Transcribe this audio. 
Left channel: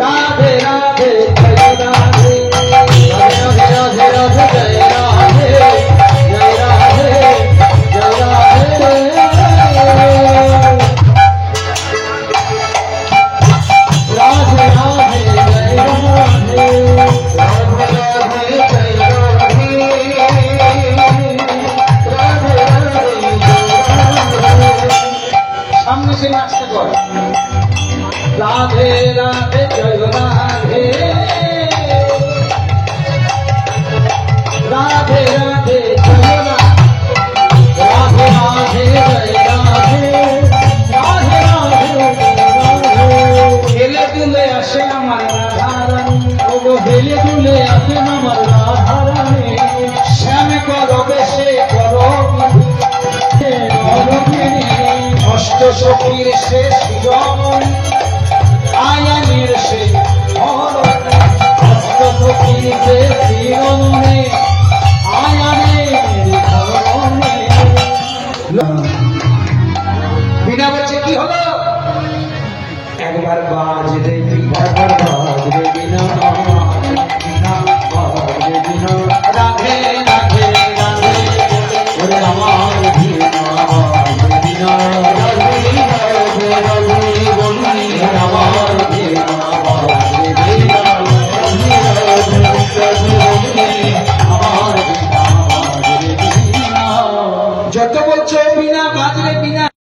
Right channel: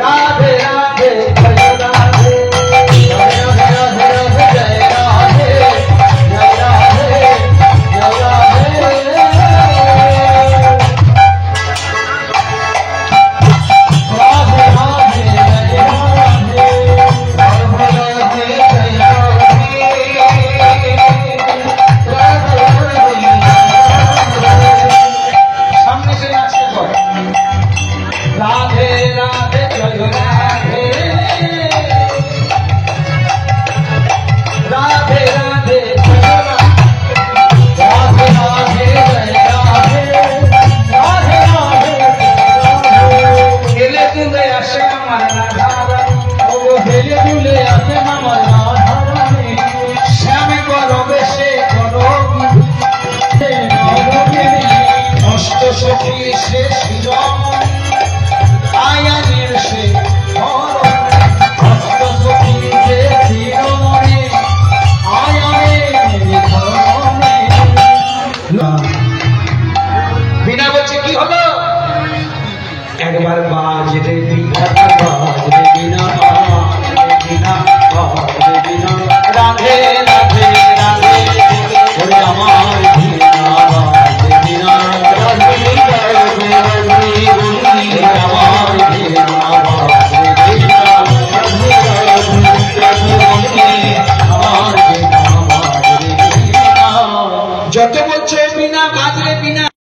राधे राधे जय राधे राधे राधे राधे जय राधे जय राधे जय राधे राधे राधे जय राधे राधे राधे जय राधे राधे राधे सामने से नाचते करो राधे राधे जय राधे राधे राधे जय राधे राधे जय राधे राधे राधे हेले दुले আসে আমার রাধারানী ওগো হেলে দুলে আসে আমার রাধারানী শ্যাম করো বেশে করো অষ্ট সখীর শেষ জীবন আয়ানের সে